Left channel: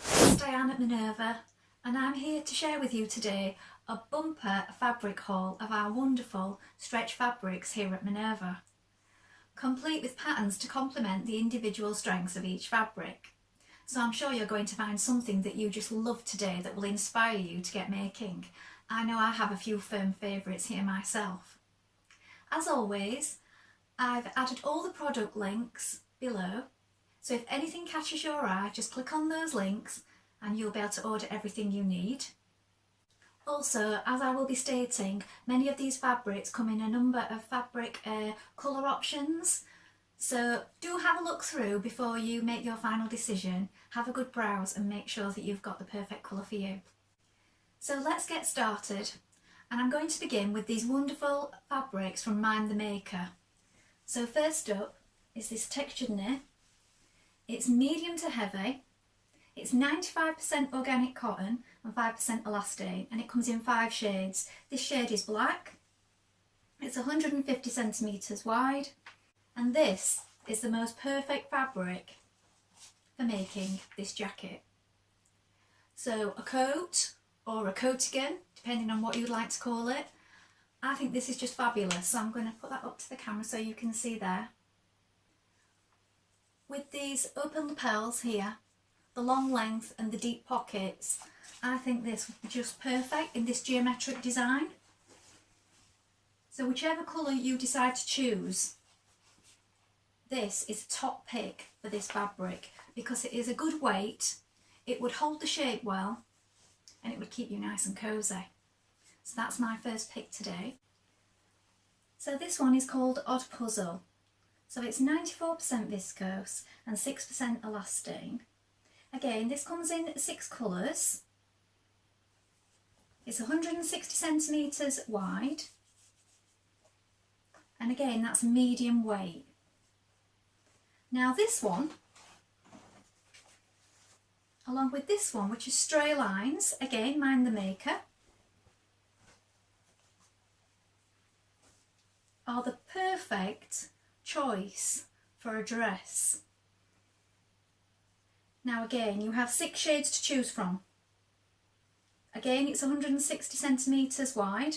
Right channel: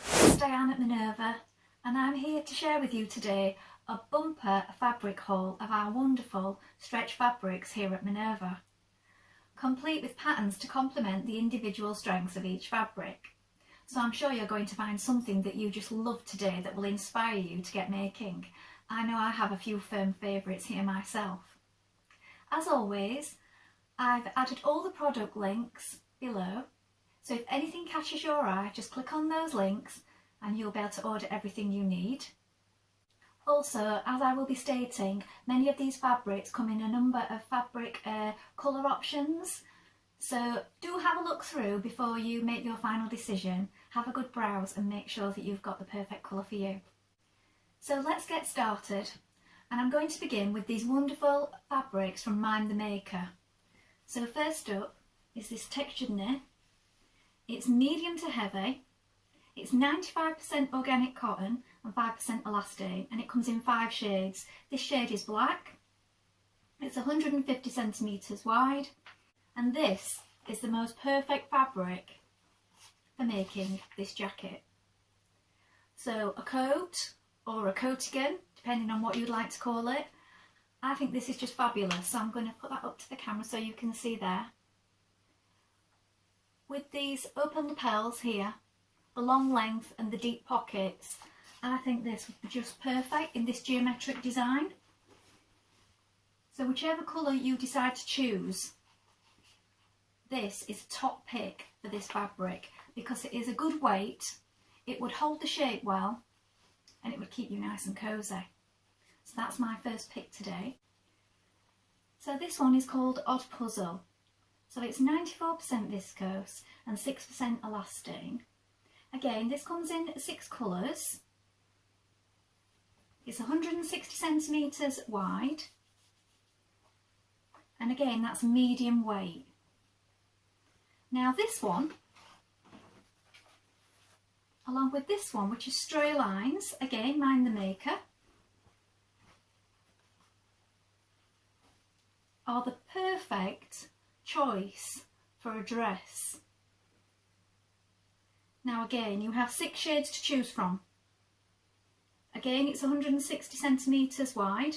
it's Dianne at Minerva, and I'm here to share with you today a bumper fabric haul of our wonderful stretch fabrics here at Minerva, complete with patterns to complement the individual strengths of each fabric. So I'm sure you're going to find something that you just love today that will inspire you to get making. I know I have a few firm favourites here myself. As always, I've added all the product links below, so if anything catches your eye, just click on those links and you'll be able to order everything you need. Also, as I will be stating, many of these fabrics come in a number of fabric colour options, so do have a look through before you make your final decision. Have a good browse and make sure that you've got the perfect colour for you. So let's get started, and I'm going to begin with these wonderful fabrics from Mind the Maker. So first up is this textured knit. It's medium to heavy, it's 95% organic cotton and 5% elastane, and it comes in 5 shades. This shade is black, it's 150 centimetres wide, and this is the most perfect fabric for making this jacket. So a coat or a coatigan, depending on what you'd like to call it. I think this is just fabulous, so I'm going to put that up to the camera so you can see there. With these open lapels here, the long length and the deep pockets, I think this would be just perfect in this geometric design. So whichever colour you decide to choose, this is a top pick for this fabric because it is a good weight, it would hold the shape well, and it would keep you nice and cosy. So that's my first pick today. So this one is called Odd Puzzle. So it's 94% viscose and 6% elastane. Again, this comes in 6 colours. It's 160 centimetres wide. And again, that's medium weight. Now this one, along with this one, which is Stray Lines, again, Mind the Maker, are the perfect choice for a dress. Now again, you have 6 shades to choose from. Again, it's 160 centimetres wide,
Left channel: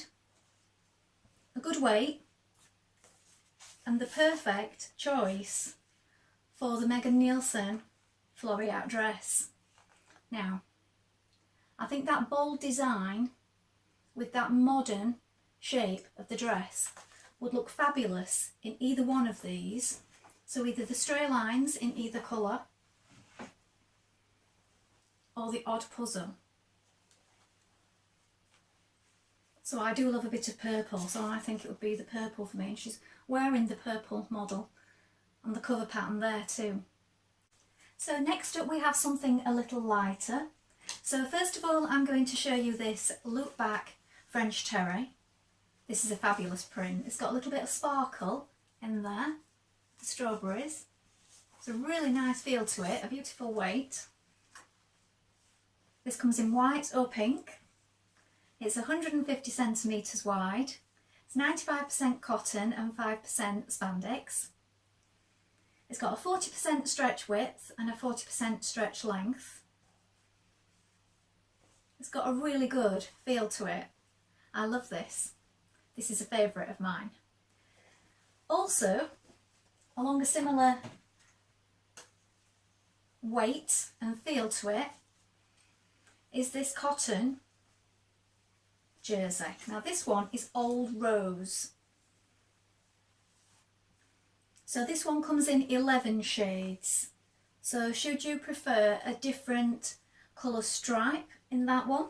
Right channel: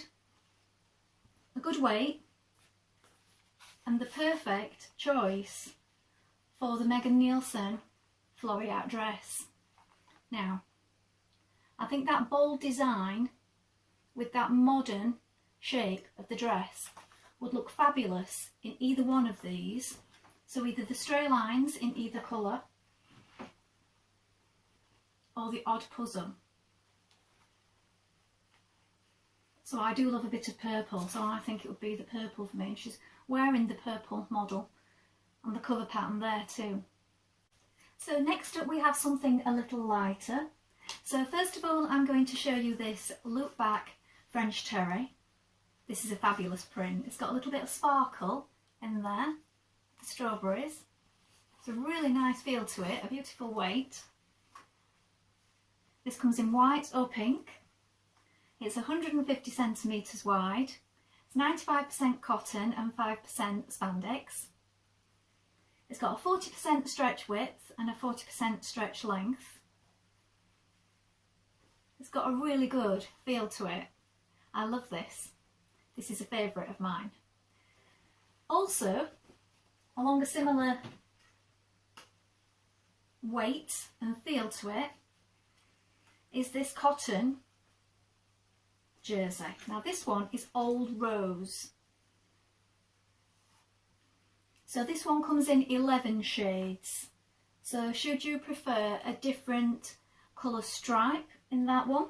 a good weight, and the perfect choice for the Megan Nielsen Floreat dress. Now, I think that bold design with that modern shape of the dress would look fabulous in either one of these. So either the Stray Lines in either colour or the Odd Puzzle. So I do love a bit of purple, so I think it would be the purple for me, and she's wearing the purple model on the cover pattern there too. So next up we have something a little lighter. So first of all, I'm going to show you this loop back French terry. This is a fabulous print. It's got a little bit of sparkle in there, the strawberries. It's a really nice feel to it, a beautiful weight. This comes in white or pink. It's 150 centimetres wide. It's 95% cotton and 5% spandex. It's got a 40% stretch width and a 40% stretch length. It's got a really good feel to it. I love this. This is a favourite of mine. Also, along a similar weight and feel to it, is this cotton jersey. Now this one is Old Rose. So this one comes in 11 shades. So should you prefer a different colour stripe in that one,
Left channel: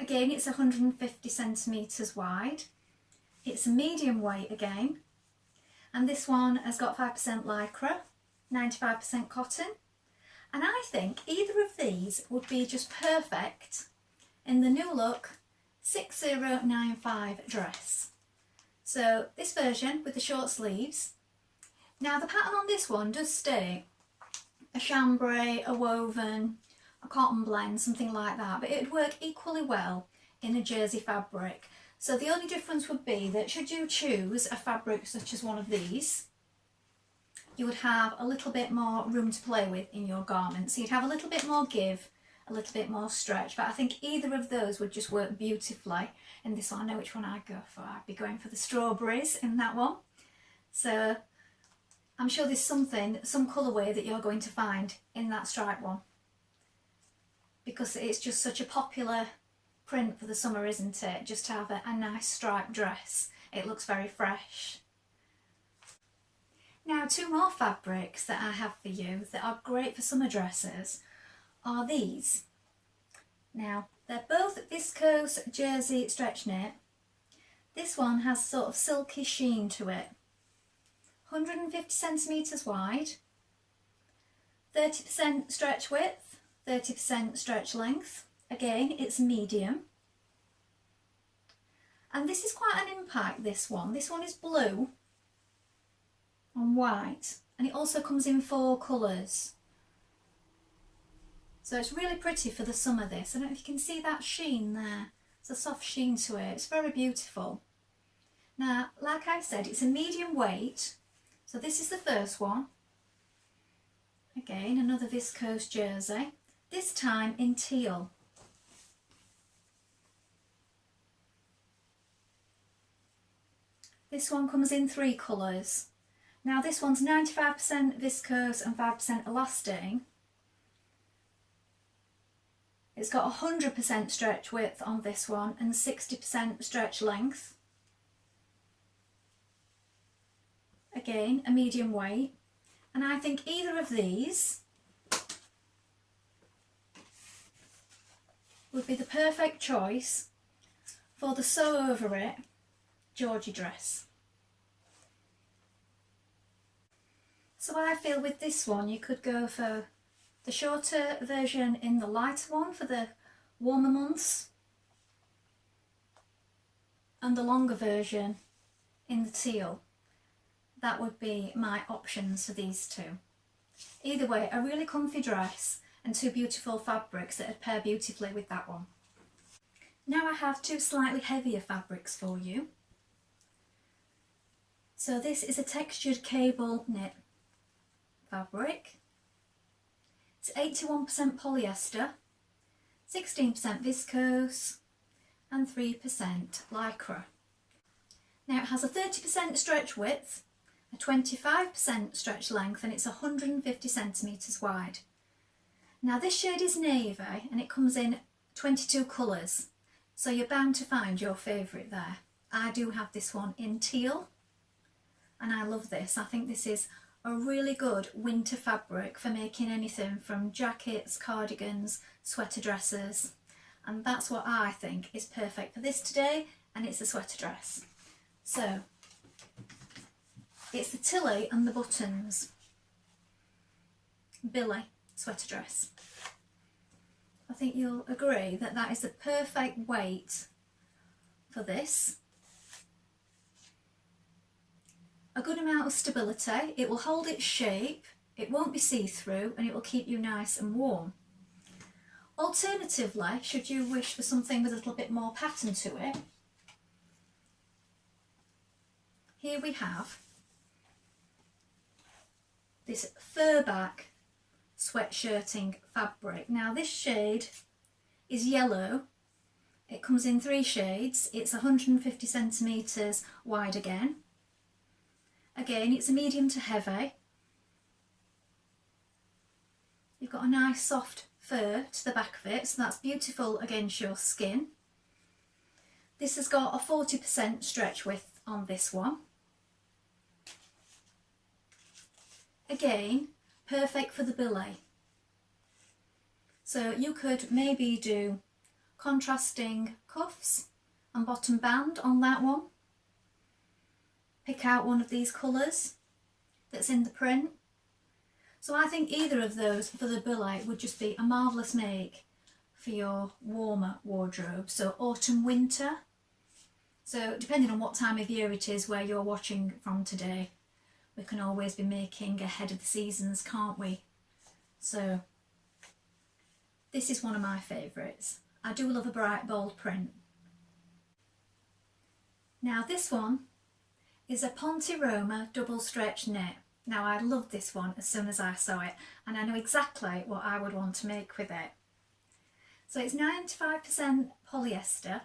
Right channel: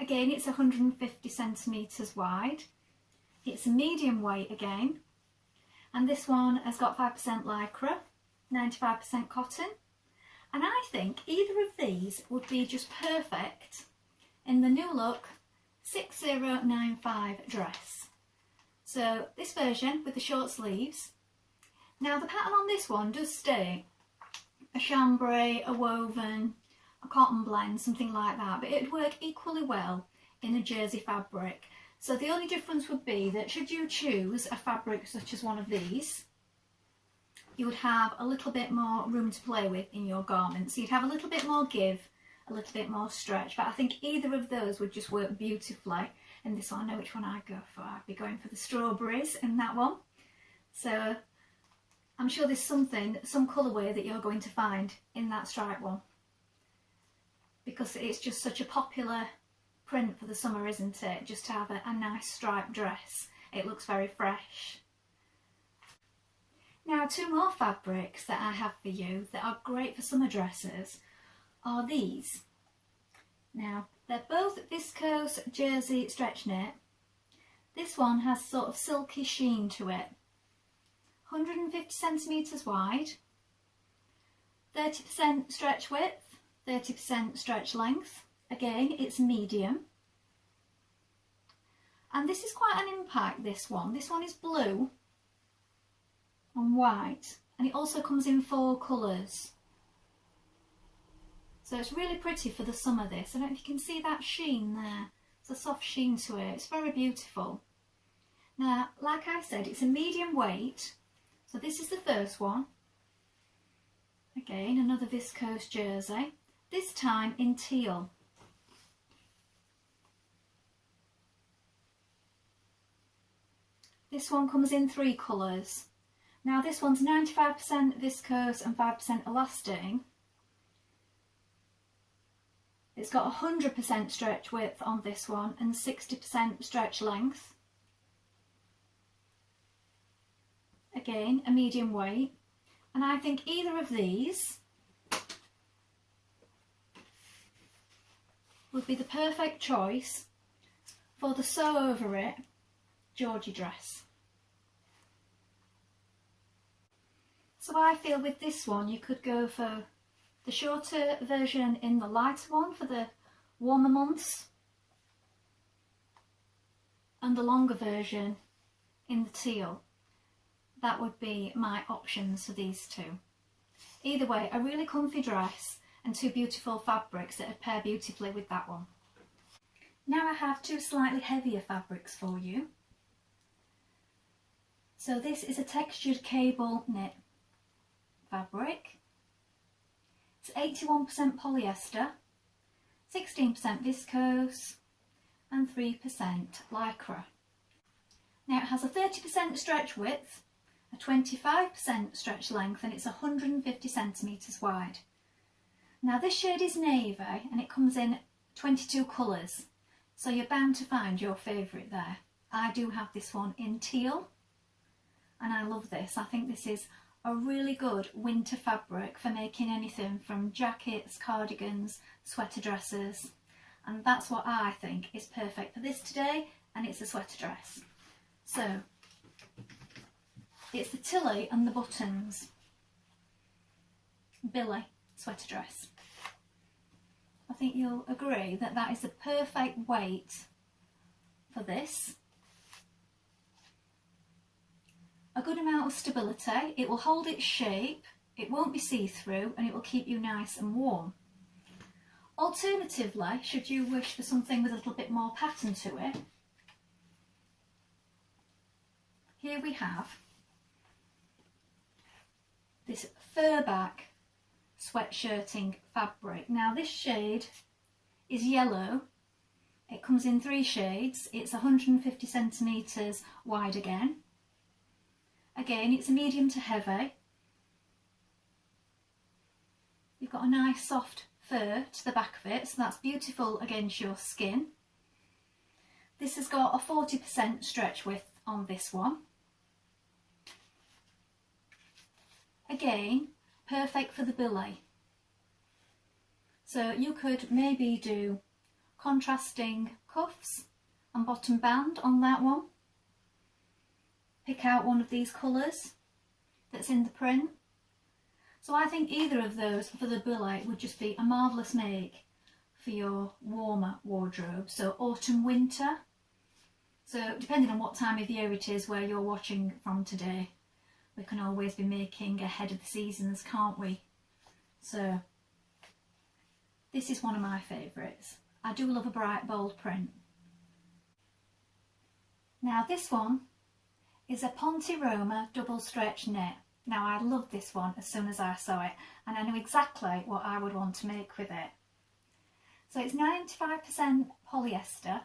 again, it's 150 centimetres wide. It's a medium weight again. And this one has got 5% lycra, 95% cotton. And I think either of these would be just perfect in the new look 6095 dress. So this version with the short sleeves. Now the pattern on this one does stay a chambray, a woven, a cotton blend, something like that, but it would work equally well in a jersey fabric. So the only difference would be that should you choose a fabric such as one of these, you would have a little bit more room to play with in your garment. So you'd have a little bit more give, a little bit more stretch, but I think either of those would just work beautifully in this one. I know which one I'd go for. I'd be going for the strawberries in that one. So I'm sure there's some colourway that you're going to find in that stripe one, because it's just such a popular print for the summer, isn't it? Just to have a nice striped dress. It looks very fresh. Now, two more fabrics that I have for you that are great for summer dresses are these. Now, they're both Viscose jersey stretch knit. This one has sort of silky sheen to it. 150 centimetres wide, 30% stretch width, 30% stretch length. Again, it's medium. And this is quite an impact, this one. This one is blue and white, and it also comes in 4 colours. So it's really pretty for the summer, this. I don't know if you can see that sheen there. It's a soft sheen to it. It's very beautiful. Now, like I said, it's a medium weight. So this is the first one. Again, another Viscose jersey. This time in teal. This one comes in 3 colours. Now this one's 95% viscose and 5% elastane. It's got 100% stretch width on this one and 60% stretch length. Again, a medium weight. And I think either of these would be the perfect choice for the sew over it Georgie dress. So I feel with this one you could go for the shorter version in the lighter one for the warmer months, and the longer version in the teal. That would be my options for these two. Either way, a really comfy dress and 2 beautiful fabrics that would pair beautifully with that one. Now I have 2 slightly heavier fabrics for you. So this is a textured cable knit fabric. It's 81% polyester, 16% viscose and 3% lycra. Now it has a 30% stretch width, a 25% stretch length, and it's 150 centimetres wide. Now this shade is navy and it comes in 22 colours, so you're bound to find your favourite there. I do have this one in teal and I love this. I think this is a really good winter fabric for making anything from jackets, cardigans, sweater dresses, and that's what I think is perfect for this today, and it's a sweater dress. So it's the tilly and the buttons billy sweater dress. I think you'll agree that that is the perfect weight for this. A good amount of stability, it will hold its shape, it won't be see-through, and it will keep you nice and warm. Alternatively, should you wish for something with a little bit more pattern to it, here we have this fur-back sweatshirting fabric. Now this shade is yellow, it comes in 3 shades, it's 150 centimetres wide again. Again, it's a medium to heavy. You've got a nice soft fur to the back of it, so that's beautiful against your skin. This has got a 40% stretch width on this one. Again, perfect for the billy. So you could maybe do contrasting cuffs and bottom band on that one. Pick out one of these colours that's in the print. So I think either of those for the billy would just be a marvellous make for your warmer wardrobe. So autumn, winter. So depending on what time of year it is where you're watching from today, we can always be making ahead of the seasons, can't we? So this is one of my favourites. I do love a bright bold print. Now this one is a Ponte Roma double stretch knit. Now I loved this one as soon as I saw it, and I knew exactly what I would want to make with it. So it's 95% polyester,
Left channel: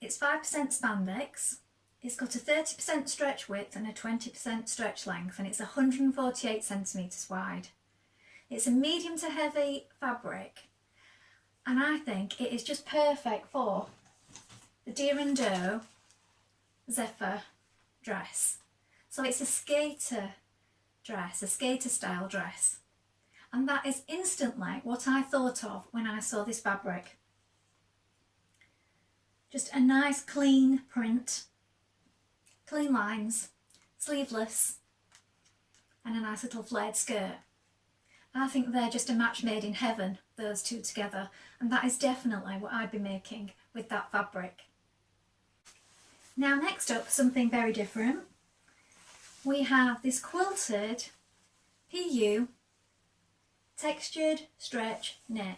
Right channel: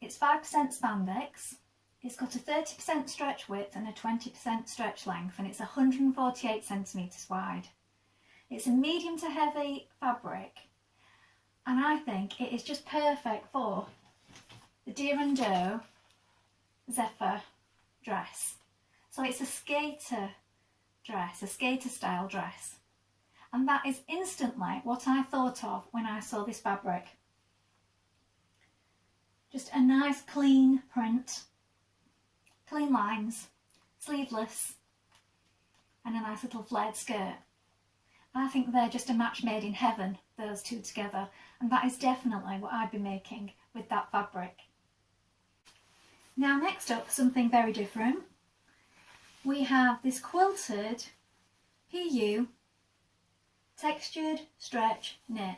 it's 5% spandex, it's got a 30% stretch width and a 20% stretch length, and it's 148 centimetres wide. It's a medium to heavy fabric, and I think it is just perfect for the Dianne Zephyr dress. So it's a skater dress, a skater style dress. And that is instantly what I thought of when I saw this fabric. Just a nice clean print, clean lines, sleeveless, and a nice little flared skirt. I think they're just a match made in heaven, those two together, and that is definitely what I'd be making with that fabric. Now next up, something very different. We have this quilted PU textured stretch knit.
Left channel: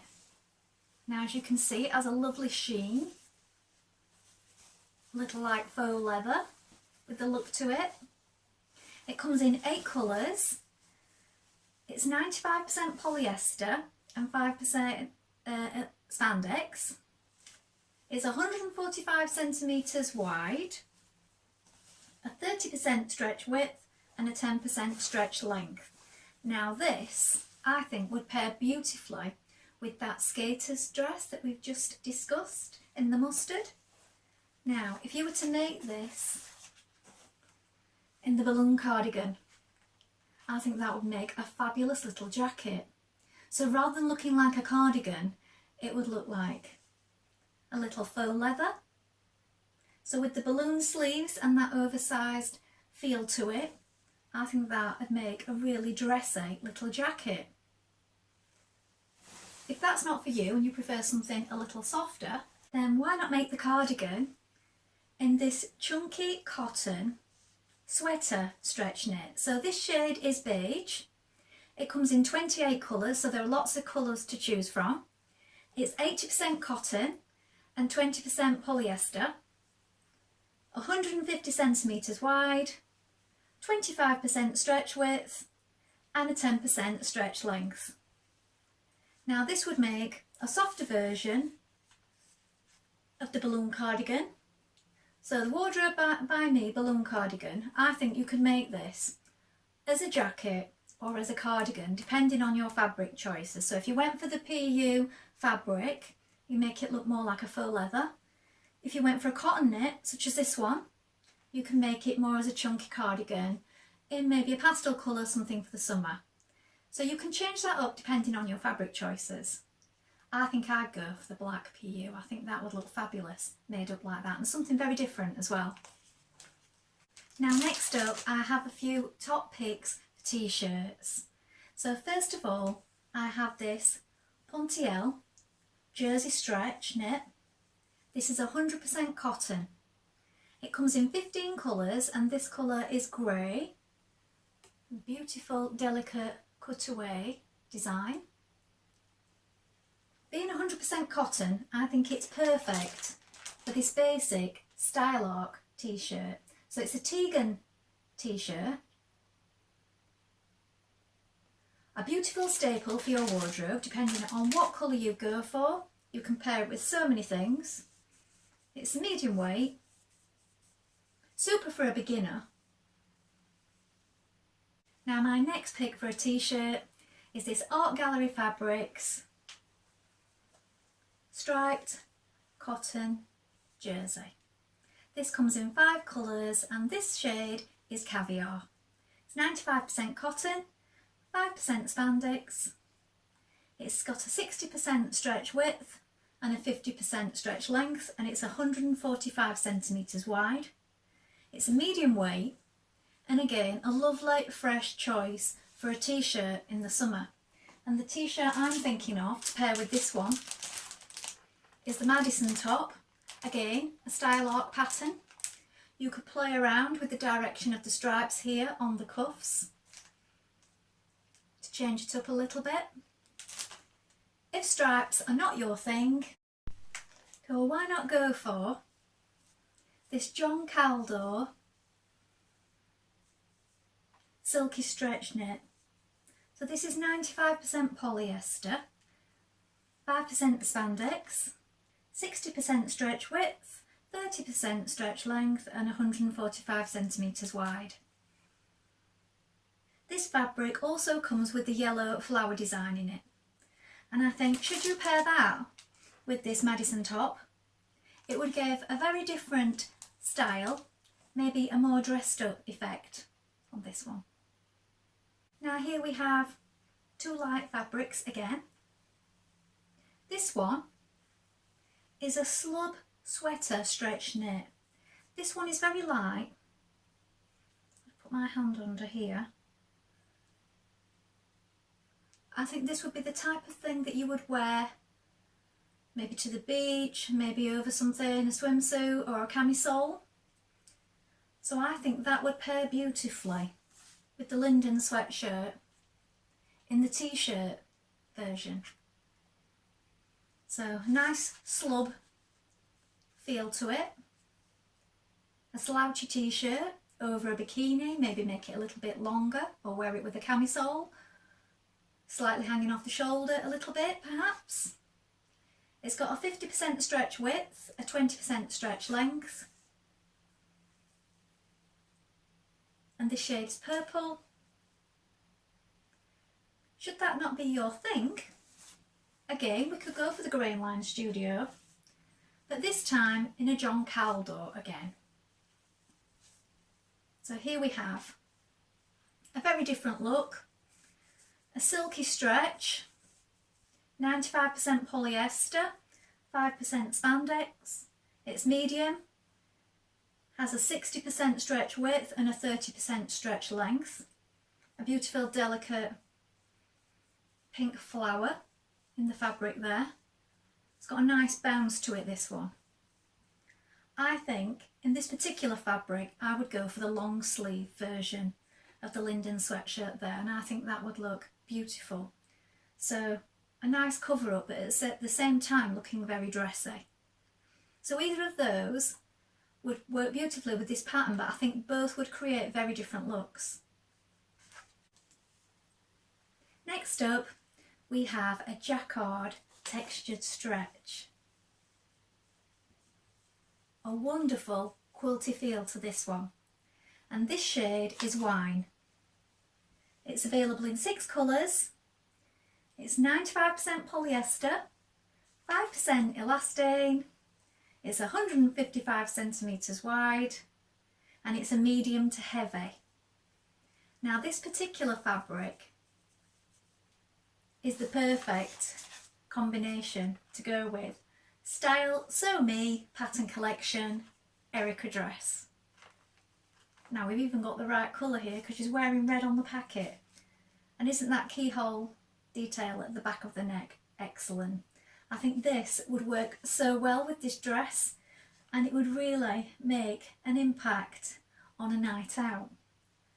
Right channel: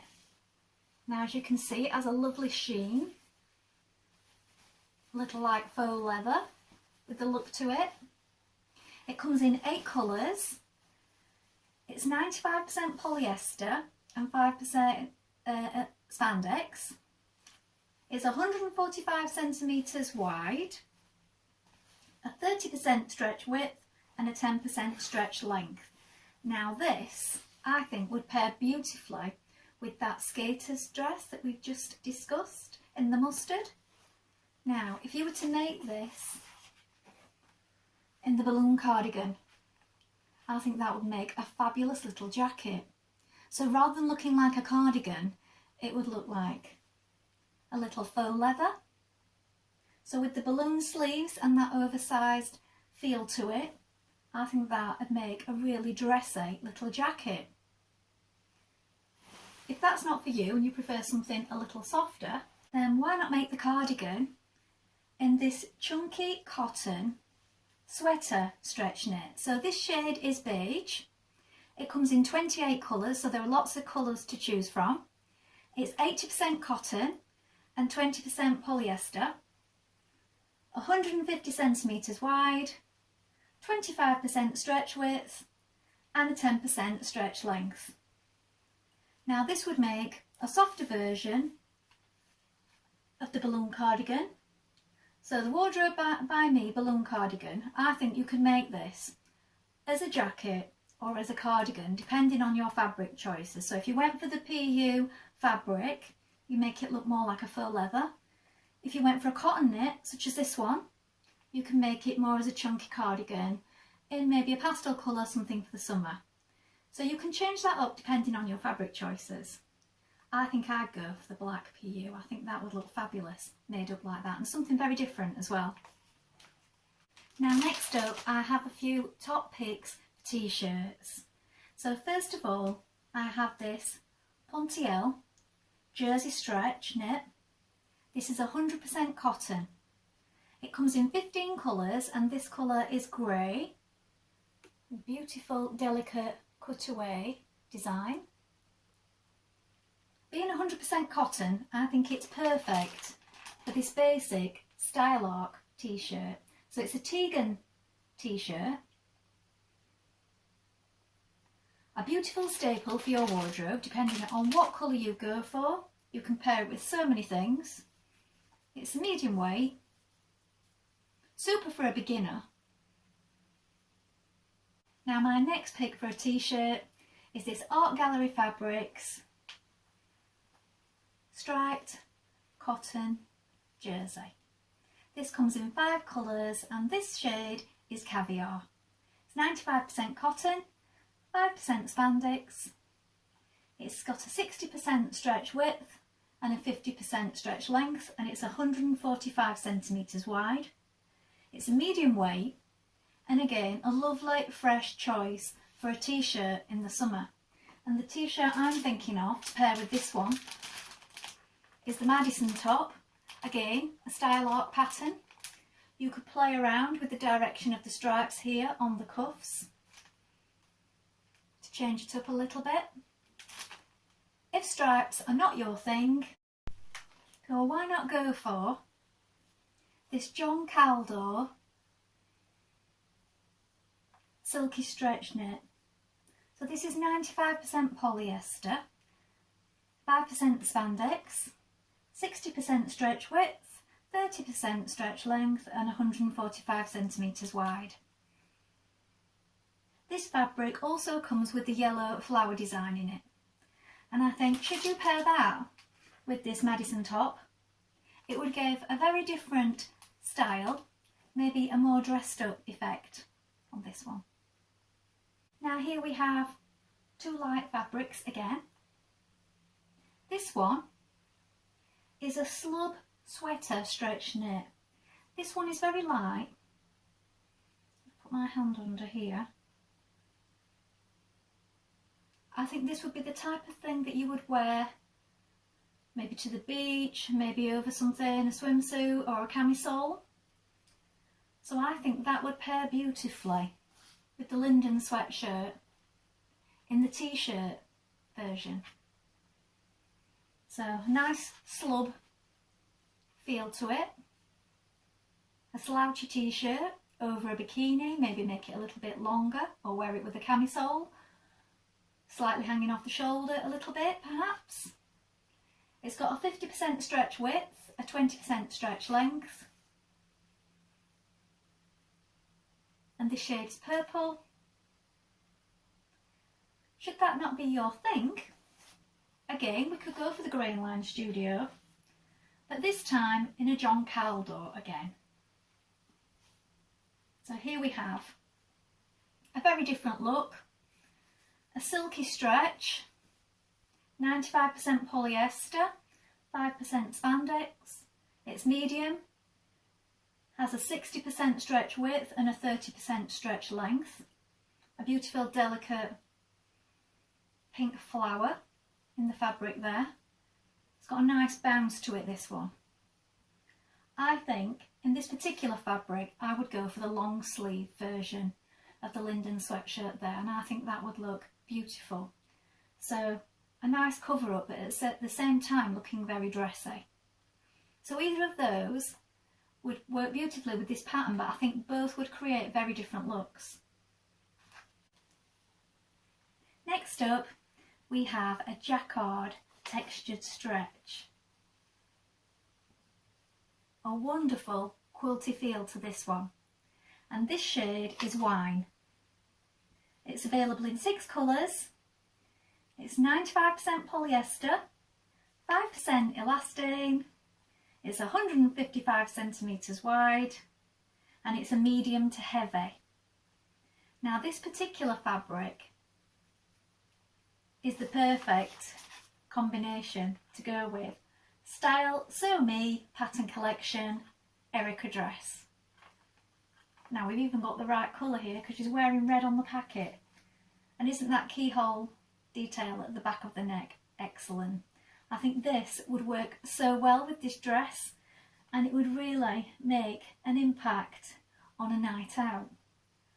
Now as you can see, it has a lovely sheen, a little like faux leather with the look to it. It comes in 8 colours. It's 95% polyester and 5% spandex. It's 145 centimetres wide, a 30% stretch width and a 10% stretch length. Now this, I think, would pair beautifully with that skater's dress that we've just discussed in the mustard. Now, if you were to make this in the balloon cardigan, I think that would make a fabulous little jacket. So rather than looking like a cardigan, it would look like a little faux leather. So with the balloon sleeves and that oversized feel to it, I think that would make a really dressy little jacket. If that's not for you and you prefer something a little softer, then why not make the cardigan in this chunky cotton sweater stretch knit. So this shade is beige. It comes in 28 colours, so there are lots of colours to choose from. It's 80% cotton and 20% polyester, 150 centimetres wide, 25% stretch width and a 10% stretch length. Now this would make a softer version of the balloon cardigan. So the Wardrobe by Me balloon cardigan, I think you can make this as a jacket or as a cardigan depending on your fabric choices. So if you went for the PU fabric, you make it look more like a faux leather. If you went for a cotton knit, such as this one, you can make it more as a chunky cardigan in maybe a pastel colour, something for the summer. So you can change that up depending on your fabric choices. I think I'd go for the black PU. I think that would look fabulous made up like that, and something very different as well. Now next up, I have a few top picks for t-shirts. So first of all, I have this Pontiel jersey stretch knit. This is 100% cotton. It comes in 15 colours and this colour is grey. Beautiful, delicate cutaway design. Being 100% cotton, I think it's perfect for this basic style arc t-shirt. So it's a Tegan t-shirt. A beautiful staple for your wardrobe, depending on what colour you go for. You can pair it with so many things. It's a medium weight, super for a beginner. Now my next pick for a t-shirt is this Art Gallery Fabrics striped cotton jersey. This comes in 5 colours and this shade is Caviar. It's 95% cotton, 5% spandex. It's got a 60% stretch width and a 50% stretch length, and it's 145 centimetres wide. It's a medium weight, and again a lovely fresh choice for a t-shirt in the summer. And the t-shirt I'm thinking of to pair with this one is the Madison top. Again, a style arc pattern. You could play around with the direction of the stripes here on the cuffs to change it up a little bit. If stripes are not your thing, so why not go for this John Caldor silky stretch knit. So this is 95% polyester, 5% spandex, 60% stretch width, 30% stretch length and 145 centimetres wide. This fabric also comes with the yellow flower design in it. And I think, should you pair that with this Madison top, it would give a very different style, maybe a more dressed up effect on this one. Now here we have two light fabrics again. This one is a slub sweater stretch knit. This one is very light. I'll put my hand under here. I think this would be the type of thing that you would wear maybe to the beach, maybe over something, a swimsuit or a camisole. So I think that would pair beautifully with the Linden sweatshirt in the t-shirt version. So nice slub feel to it. A slouchy t-shirt over a bikini, maybe make it a little bit longer or wear it with a camisole. Slightly hanging off the shoulder a little bit perhaps. It's got a 50% stretch width, a 20% stretch length. And the shade is purple. Should that not be your thing, again we could go for the Grain Line Studio, but this time in a John Caldo again. So here we have a very different look. A silky stretch, 95% polyester, 5% spandex. It's medium, has a 60% stretch width and a 30% stretch length. A beautiful delicate pink flower in the fabric there. It's got a nice bounce to it, this one. I think in this particular fabric I would go for the long sleeve version of the Linden sweatshirt there, and I think that would look beautiful. So a nice cover up, but at the same time looking very dressy. So either of those would work beautifully with this pattern, but I think both would create very different looks. Next up we have a jacquard textured stretch. A wonderful quilty feel to this one, and this shade is Wine. It's available in 6 colours. It's 95% polyester, 5% elastane. It's 155 centimetres wide, and it's a medium to heavy. Now this particular fabric is the perfect combination to go with Style Sew Me Pattern Collection Erica dress. Now we've even got the right colour here because she's wearing red on the packet. And isn't that keyhole detail at the back of the neck excellent? I think this would work so well with this dress, and it would really make an impact on a night out.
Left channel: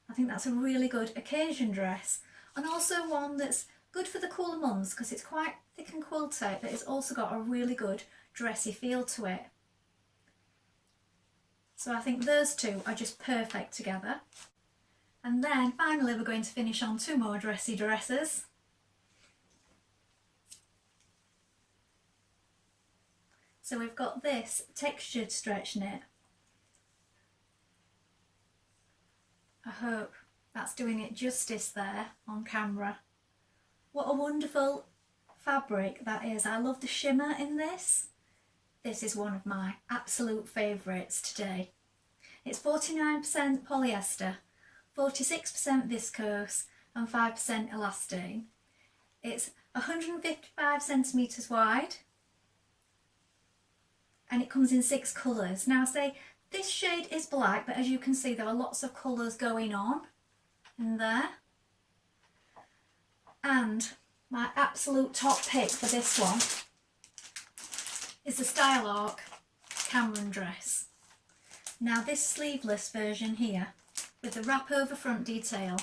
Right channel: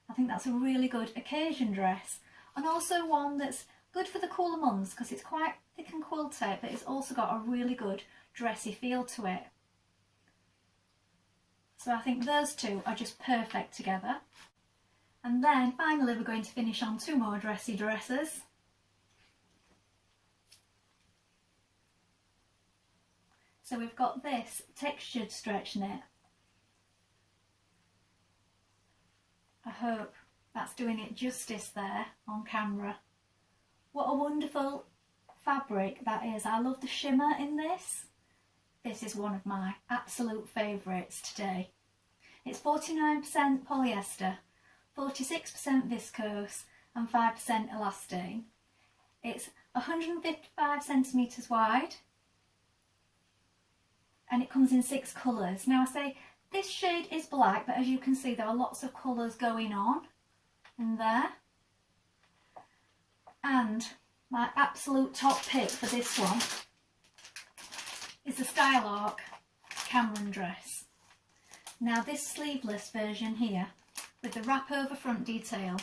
I think that's a really good occasion dress, and also one that's good for the cooler months because it's quite thick and quilted, but it's also got a really good dressy feel to it. So I think those two are just perfect together. And then finally we're going to finish on 2 more dressy dresses. So we've got this textured stretch knit. I hope that's doing it justice there on camera. What a wonderful fabric that is. I love the shimmer in this. This is one of my absolute favourites today. It's 49% polyester, 46% viscose and 5% elastane. It's 155 centimetres wide, and it comes in 6 colours. Now I say this shade is black, but as you can see there are lots of colours going on in there. And my absolute top pick for this one is the Style Arc Cameron dress. Now this sleeveless version here with the wrap over front detail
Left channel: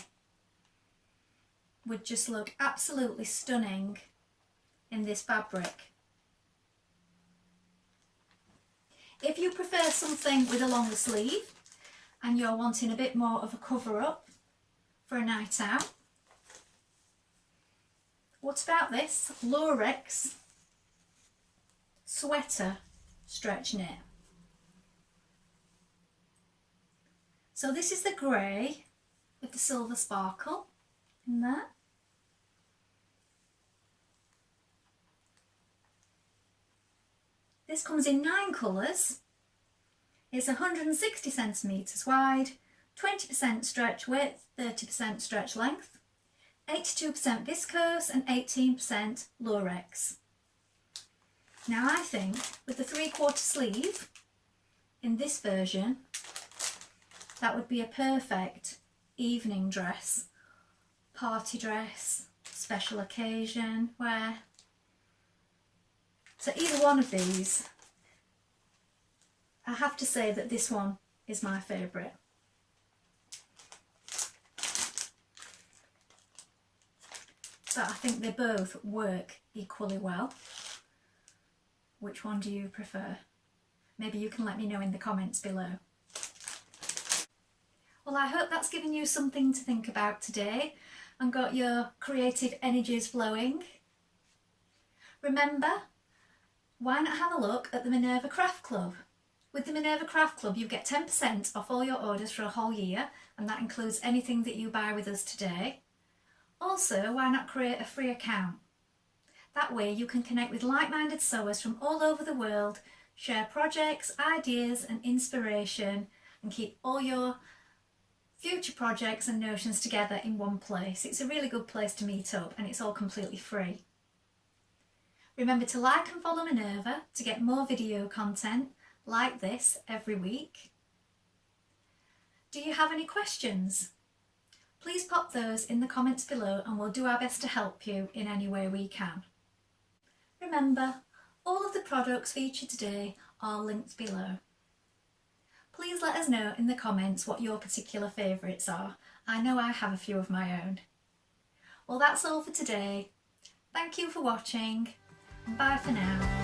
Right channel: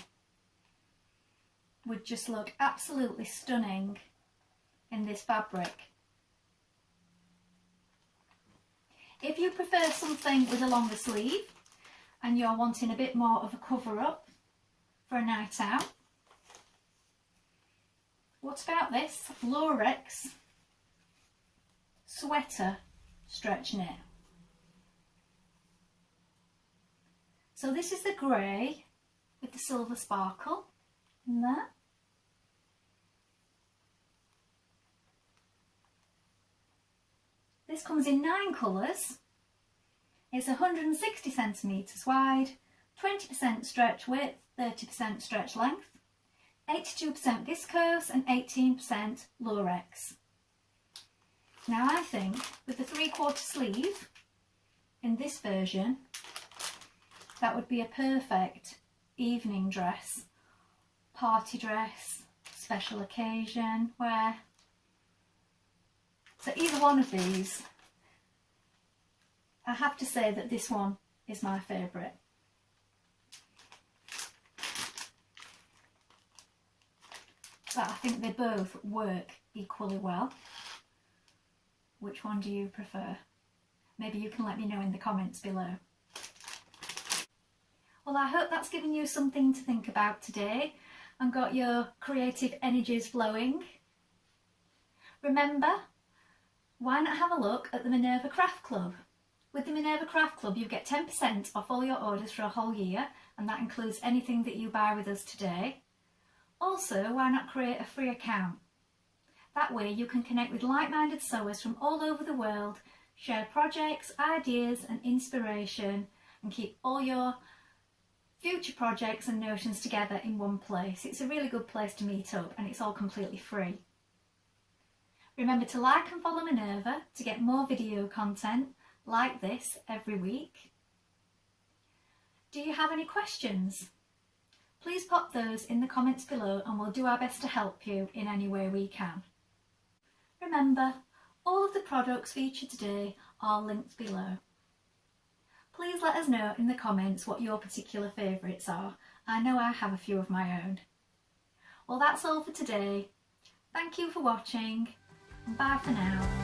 would just look absolutely stunning in this fabric. If you prefer something with a longer sleeve and you're wanting a bit more of a cover up for a night out. What about this Lurex sweater stretch knit? So this is the grey with the silver sparkle in there. This comes in 9 colours. It's 160 centimetres wide, 20% stretch width, 30% stretch length, 82% viscose and 18% Lurex. Now I think with the 3/4 sleeve in this version, that would be a perfect evening dress, party dress, special occasion wear. So either one of these, I have to say that this one is my favourite. But I think they both work equally well. Which one do you prefer? Maybe you can let me know in the comments below. Well, I hope that's given you something to think about today and got your creative energies flowing. Remember, why not have a look at the Minerva Craft Club? With the Minerva Craft Club, you get 10% off all your orders for a whole year, and that includes anything that you buy with us today. Also, why not create a free account? That way you can connect with like-minded sewers from all over the world, share projects, ideas and inspiration, and keep all your future projects and notions together in one place. It's a really good place to meet up, and it's all completely free. Remember to like and follow Minerva to get more video content like this every week. Do you have any questions? Please pop those in the comments below and we'll do our best to help you in any way we can. Remember, all of the products featured today are linked below. Please let us know in the comments what your particular favourites are. I know I have a few of my own. Well, that's all for today. Thank you for watching, and bye for now.